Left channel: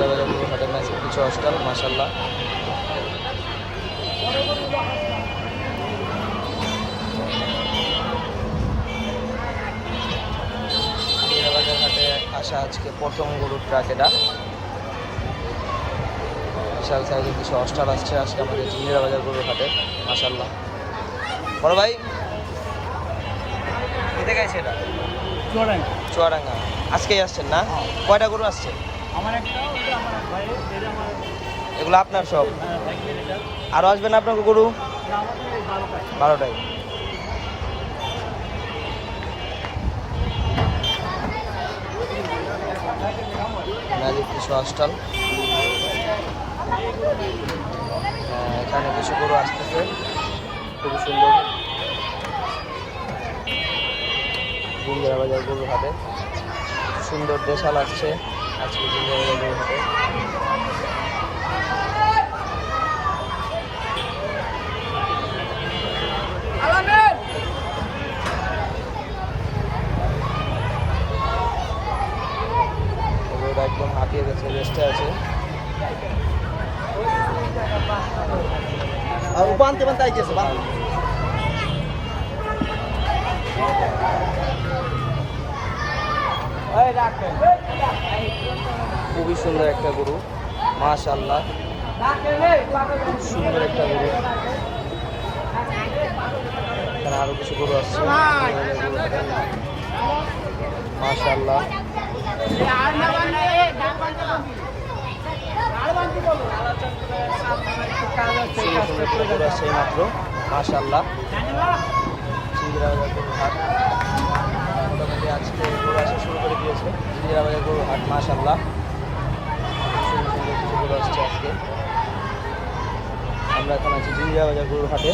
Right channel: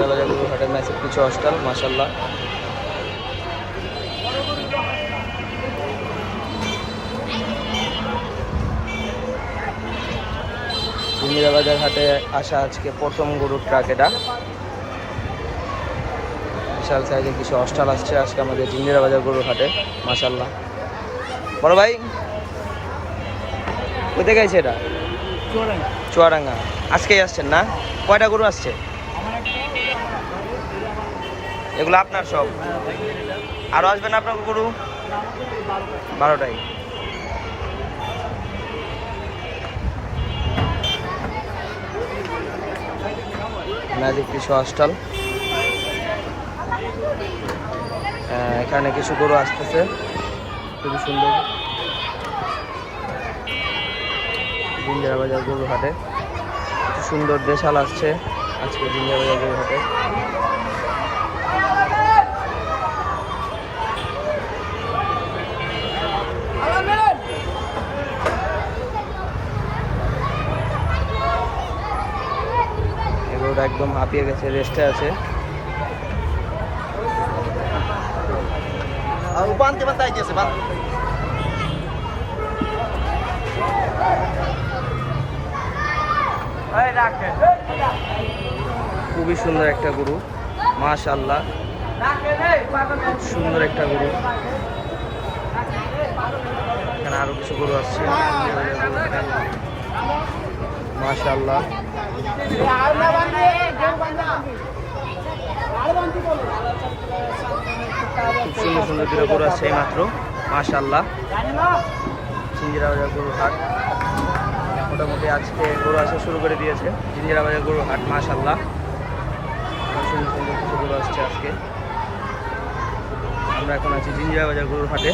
এখানে কিছু হস্টাল মাসাল্লাহ বাজার হাটে আসা আজকে প্রথম গরুর ট্রাক এটা। বিশাল সাইজে কিছু হস্টাল আসছে আজকে আমাদের বাজার গরুর হাটে মাসাল্লাহ বড় ভাই কোথায় গেছে এটা? চুয়াডাঙ্গা। আজকেই আসছেন না? কয়টা গরু আসছে? এগুলো আপনার সব? আরও আসবেন আপনার গরু এটা আমাদের এই বারোটা। বারোটায় ম্যাজিক কিছু হস্টাল এখানে কিছু গরু আসতেছে। খুবই সুন্দর। জিঞ্জারা বাজার গরু হাটে। সুন্দর দেশাল আসছে। আজকে জিঞ্জারা বাজার গরু হাটে এই একদম হাঁপিয়ে গেছে রেস্টে আছে। খুবই সুন্দর একটা গরু। মাশাল্লাহ খুব সুন্দর একটা গরু। এখানে আরও কিছু গরু আসছে মাশাল্লাহ সুন্দর সুন্দর গরু গরুর হাট। মোটামুটি আজকে গরু আসা শুরু করে দিয়েছে। জিঞ্জিরা বাজার গরুর হাট মাশাল্লাহ কিছু আজকে। আমরা এখন আছি জিঞ্জিরা বাজার গরুর হাটে।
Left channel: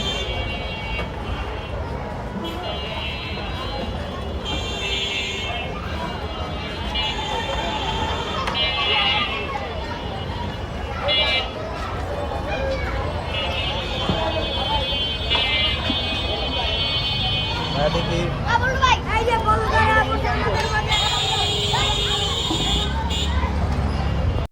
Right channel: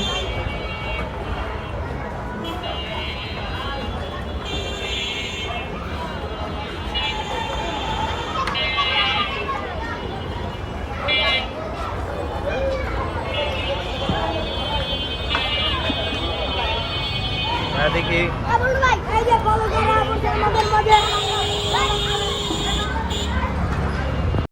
দেখি।